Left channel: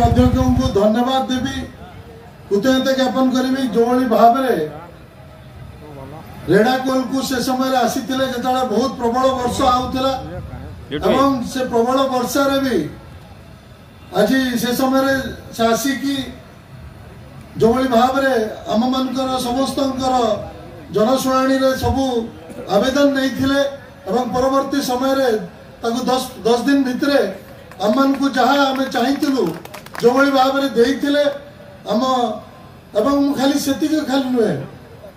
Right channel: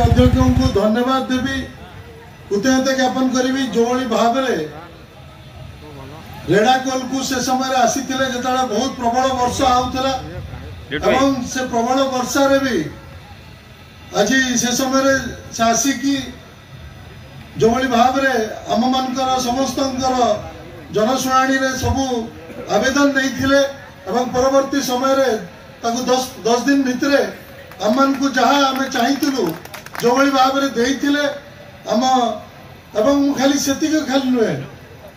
अध्यक्ष को धन्यवाद देवी कृतज्ञता ज्ञापन करी जो भाव रेड़ाकोल को से समय आसी जो बहुत प्रबल वर्षा आउला से प्रबल वर्षा भी आज से समय से आसिकी जो भाव आम मान समस्त जनशुणी सबू आवेदन नहीं थिले परवर्ती समय 10 दिन भितर आम मान को जहाँ आम चाहूँ जो भाव आम एवं खाली से खाली नुहे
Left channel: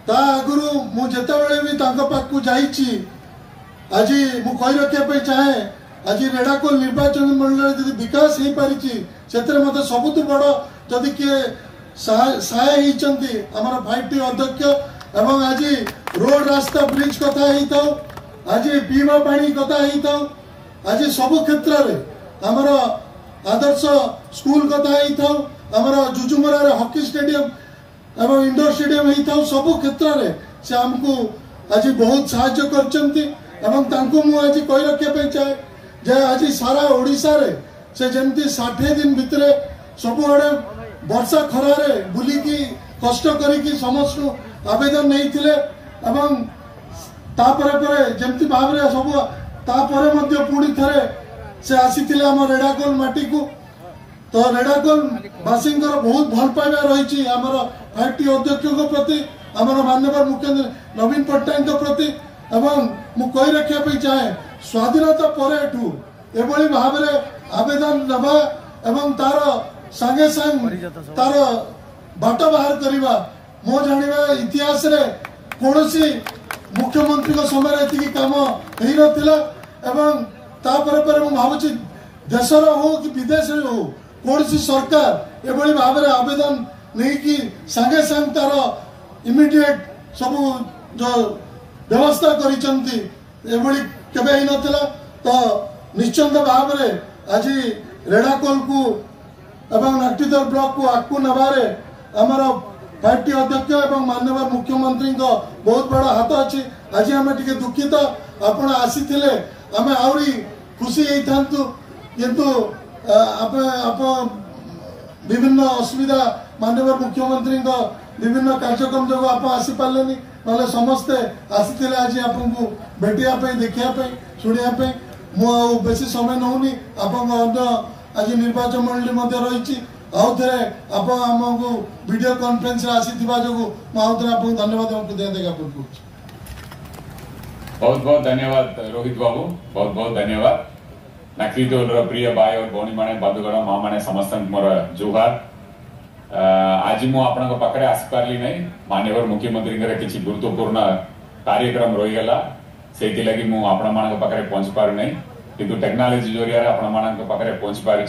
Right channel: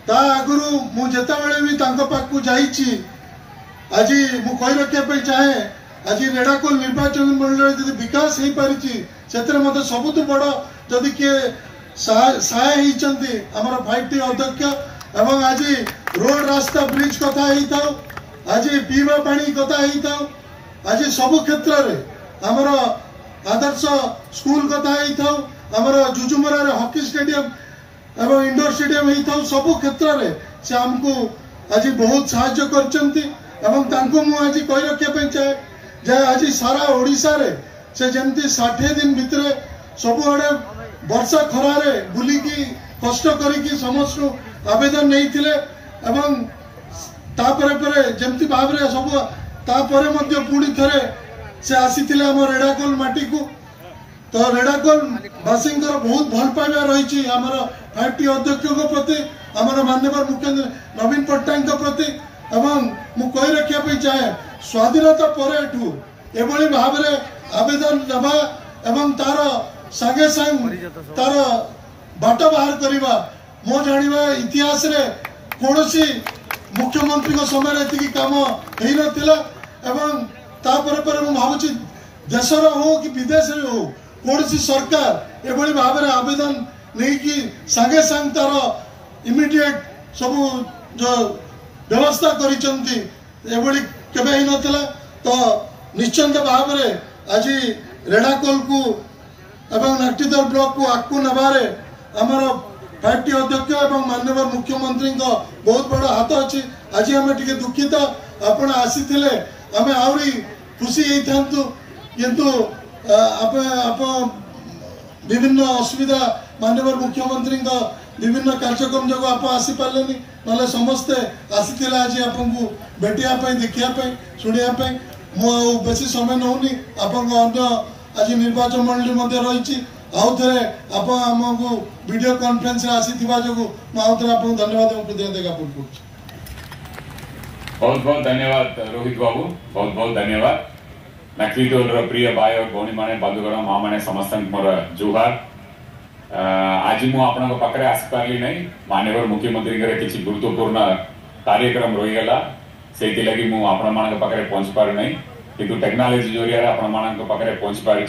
ता आगु मुझे भी पाक जाइए आज मु कही रखा चाहे आज रेड़ाकोल निर्वाचन मंडल विकास हो पारी से मत सबुठ बड़ जदि किए सहाय होती आमर 5T अध्यक्ष एवं आज रोड रास्ता ब्रिज कथा हो आज पीवा पानी कथा हो आज सबु क्षेत्र में आमर आदर्श स्कूल कथा हो आमर जुजुमरा हॉकी स्टेडियम एवं इंडोर स्टेडियम होता सबु क्षेत्र में से आमको आज बहुत साहाय्य करचंती आज कही रखा चाहे जे आज सारा ओडिशा रे से जमती 60 दिन भितर सबुआड़े वर्षा खरारे बुलिकी कष्ट करिकी समस्त आवेदन नहीं थिले एवं जमती भाव सब पुणी थे से आसी आम रेड़ाकोल माटी को तो रेड़ाकोल वासी बहुत भल पाइबा रही आमर 5T अध्यक्ष प्रति आमर माननीय मुख्यमंत्री नवीन पट्टनायक प्रति एवं मु कही रखा चाहे स्वाधीनता पर एभली भाव आवेदन दबा एवं तार सांगे सांग तार बाट बाहर करवा मो जानिबा इतिहास रे कोनोसी मुख्यमंत्री को समय एति काम हेई नथिला एवं तापर पर मु भाबुची देशर हो कि विदेश रे हो कोनोसी सरकार एभली भाव आवेदन नहीं कि सांगे सांग तार इमिडिएट सब जो व्यवस्था करिसंती एभली केबे हेई नथिला तो निश्चिंत भाव आज रेड़ाकोल को एवं नाटीदर ब्लॉक को आगू नबारे आमर 5T अध्यक्ष एवं माननीय मुख्यमंत्री बहुत बड़ा हाथ अच्छी आज आम टे दुखित आपण आसी आम आहरी खुशी होता किंतु विभिन्न असुविधा माननीय मुख्यमंत्री विभिन्न कार्यक्रम जो आप आसी पारे ना समस्ते आसी आज आपको भेटापी देखापी शुणापी मु बेसी समय नौनी अन्य आज निर्वाचन मंडली मध्य रही आउ थे आमको वीडियो कॉन्फ्रेंस आसी जो आउ थे आपको धन्यवाद ज्ञापन कर बहुत बहुत धन्यवाद रोहित बाबू बहुत बहुत धन्यवाद नाक्रीदोल प्रिय भाई और भौणी मैंने बंधुगण माँ मैंने समस्त मोर जुहार आज मु आपण पाखे आसपारि नहीं माननीय मुख्यमंत्री किसी गुरुत्वपूर्ण कार्यक्रम रहीगला से लगी मुझे आपण पाखे पहुंच पारि नहीं किंतु टेक्नोलॉजी जरिया आपण पाखे पहुंच पारि।